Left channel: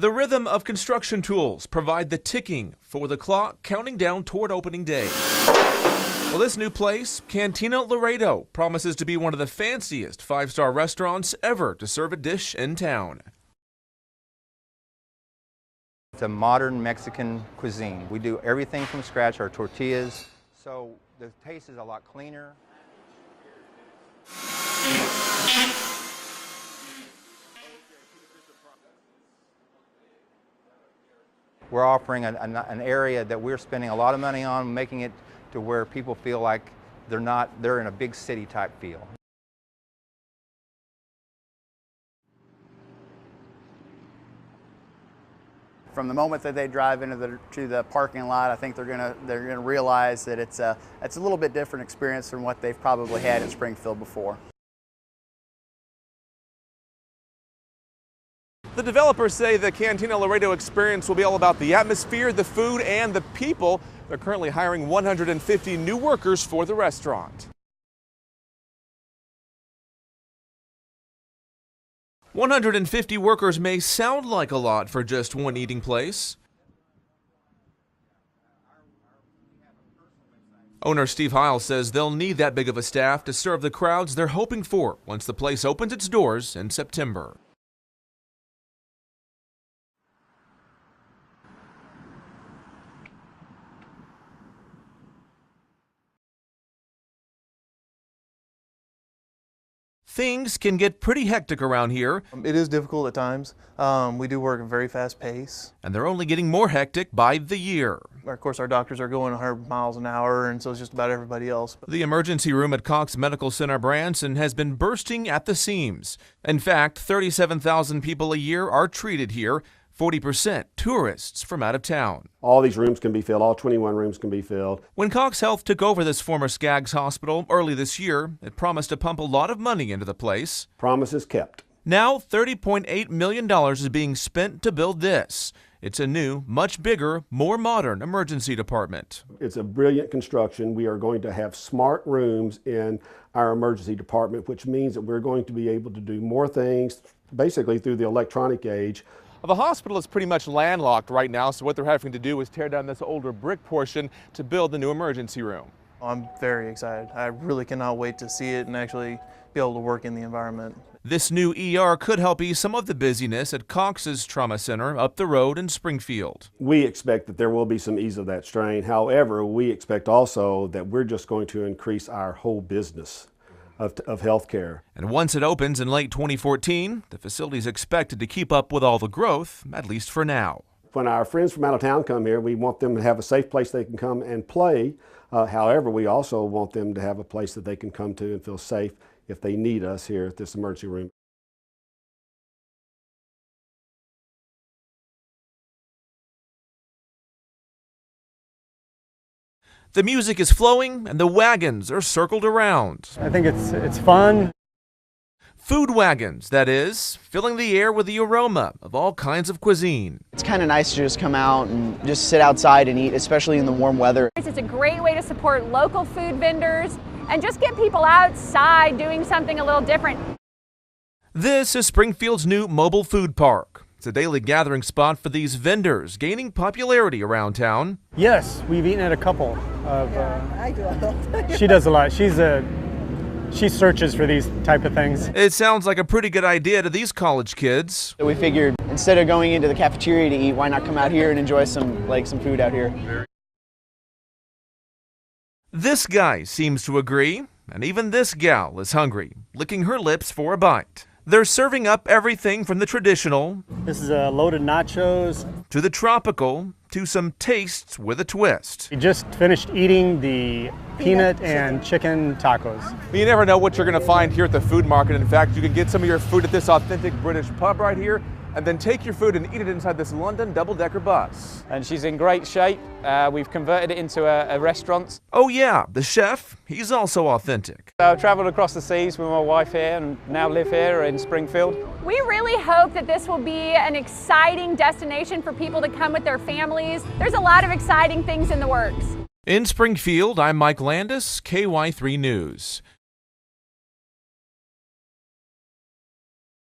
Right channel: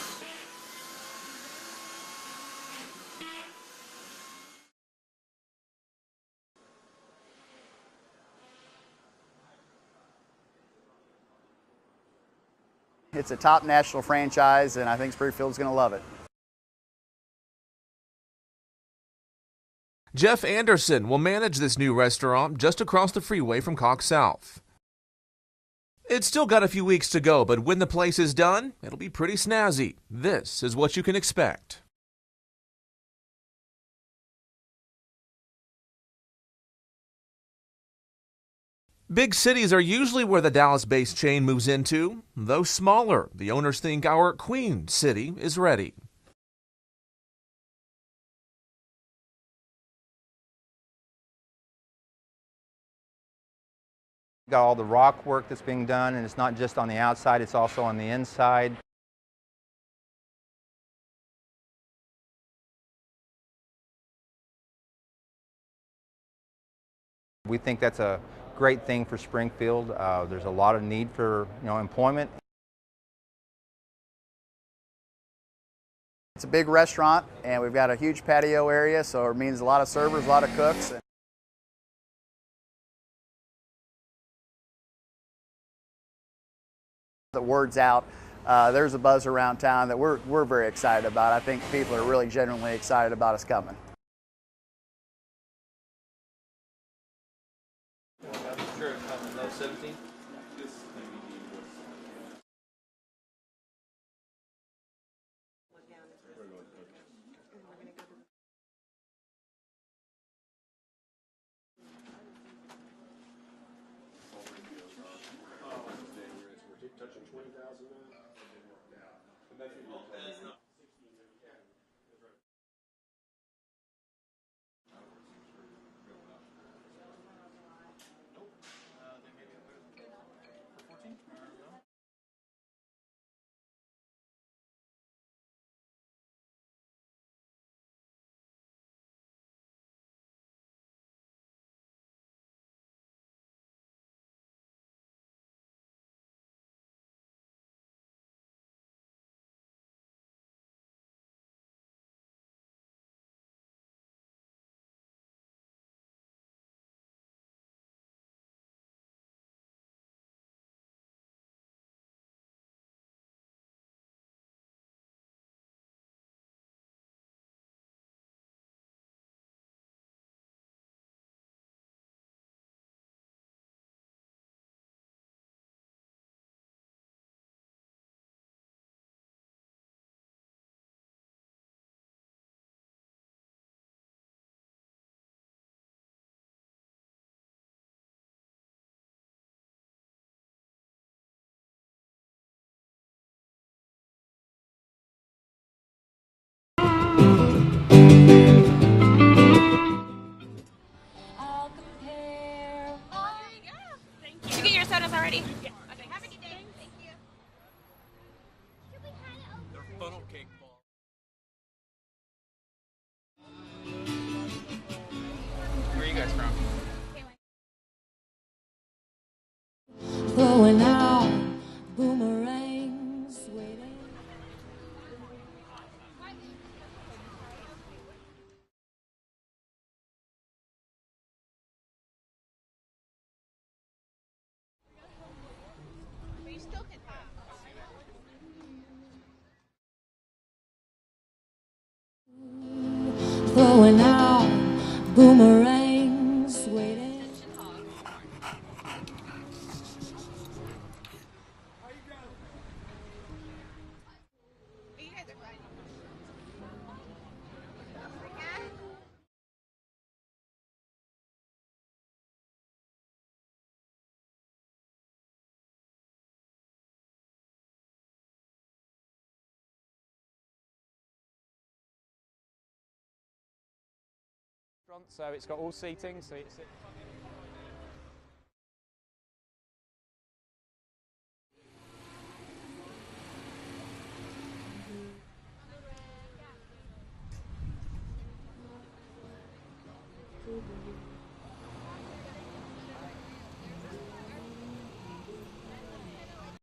The rhythm of construction tools provide the ticking for the clock counting down toward opening day. Well, this new place, Cantina Laredo, promises to be one of the fanciest five-star restaurants ever to serve a dish in town. It's a top national franchise, and I think Springfield's going to love it. It's a modern Mexican cuisine. We do everything from scratch, our tortillas. Jeff Anderson will manage this new restaurant just across the freeway from Cox Health. It's still got a few weeks to go, but when the place is done, it'll be pretty snazzy. This is what you can expect. We're offering an area that we're spending a lot of money on, making it to where people feel like they're in a big city type feel. Big cities are usually where the Dallas-based chain moves into. Though smaller, the owners think our Queen City is ready. From the moment that they drive into the parking lot, I think they're gonna realize that it's a little bit different experience from what they've probably had in Springfield before. Got all the rock work that's being done, and it's not just on the outside, it's also on the inside. The developers say the Cantina Laredo experience will be all about the atmosphere, the food, and the people. They're currently hiring 150 new workers for the restaurant. We think that's a great thing for Springfield. There's a lot of need for employment. 150 workers may sound like a lot for just one eating place. It's a big restaurant, and we've got a huge patio area, so it means a lot of servers, a lot of cooks. Owner Steve Heil says they'll need that big of a staff to serve the crowds they're hoping for once the place opens its doors in September. The word's out. There's a buzz around town that we're very excited about. I think people are really genuinely excited about us coming. Things can get pretty hectic around here. It is difficult at times. We do work at a very fast pace. And they're only getting more hectic by the year. Of course, our doctors are going 100 miles an hour, and so it's just about everybody else. The emergency room at Cox Medical Center Branson has been bursting at the seams. In fact, 37,000 people a year are treated here, 40% tourists from out of town. All these rooms can be filled, all 21 rooms can be filled. When Cox Health took over this former Skaggs hospital early this year, it promised to pump a lot of money into the place. Promises kept. Now $30.8 million is being spent to build this. It's a new, much bigger, more modern emergency department. It's a brilliant construction. We are going to have smart rooms in our emergency department, which means that we're going to be able to do more things, basically through the electronic age. The hospital is pretty much landlocked right now, so what they're having to do is tear down this older brick portion to build the new emergency room. I'm very excited. I really cannot wait to see it and actually be able to work in the environment. This new ER could help ease some of the busyness at Cox's Trauma Center up the road in Springfield. We expect that there will be some ease of that strain. However, we expect also that we're just going to increase our whole business of healthcare. And once it opens in late 2014, the facility is expected to keep up with all the growth, at least for now. When our friends from out of town come here, we want them to have a safe place they can come and play. However, we also want them to have a place that they can come to and feel safe if they need us here at this emergency room. The music is flowing and the wagons are circled around. I think it's fun. Did you get your sodas already? Food wagons, that is, filling the air with the aroma of all kinds of cuisine. It's kind of nice to just come out and just sit outside and eat, especially in the warm weather. It's a great way to support local food vendors and just get people outside doing something a little different. This is Springfield's new mobile food park. It's a daily gathering spot for these vendors, gaining popularity around town. Yes, we've eaten at a couple of. I do a lot. She does a lot. She searches for these type of things. It sounds like a pretty good idea to these college kids. So we figured instead of going into the cafeteria to eat, why not come out here and enjoy some food out here? This guy seems to agree, and even this gal is hungry, licking her lips for a bite. They're serving up everything from the traditional, this is a loaded nachos, to the tropical, to some tastes with a twist. We just finished eating the peanut and chicken tacos. You never know what you're going to find here at the food market. In fact, you can get some of your food at this authentic British pub right here, and then take your food and eat it inside this London double-decker bus. And she's in great shape. We've converted it into a restaurant. So oh yeah, the chef, he's also authentic. I've traveled across the seas with my wife here and now live here in Springfield. We really hope that this will be an exciting destination for people to come with their families. There's a lot of exciting things in the works. In Springfield, I'm Mike Landis, KY3 News.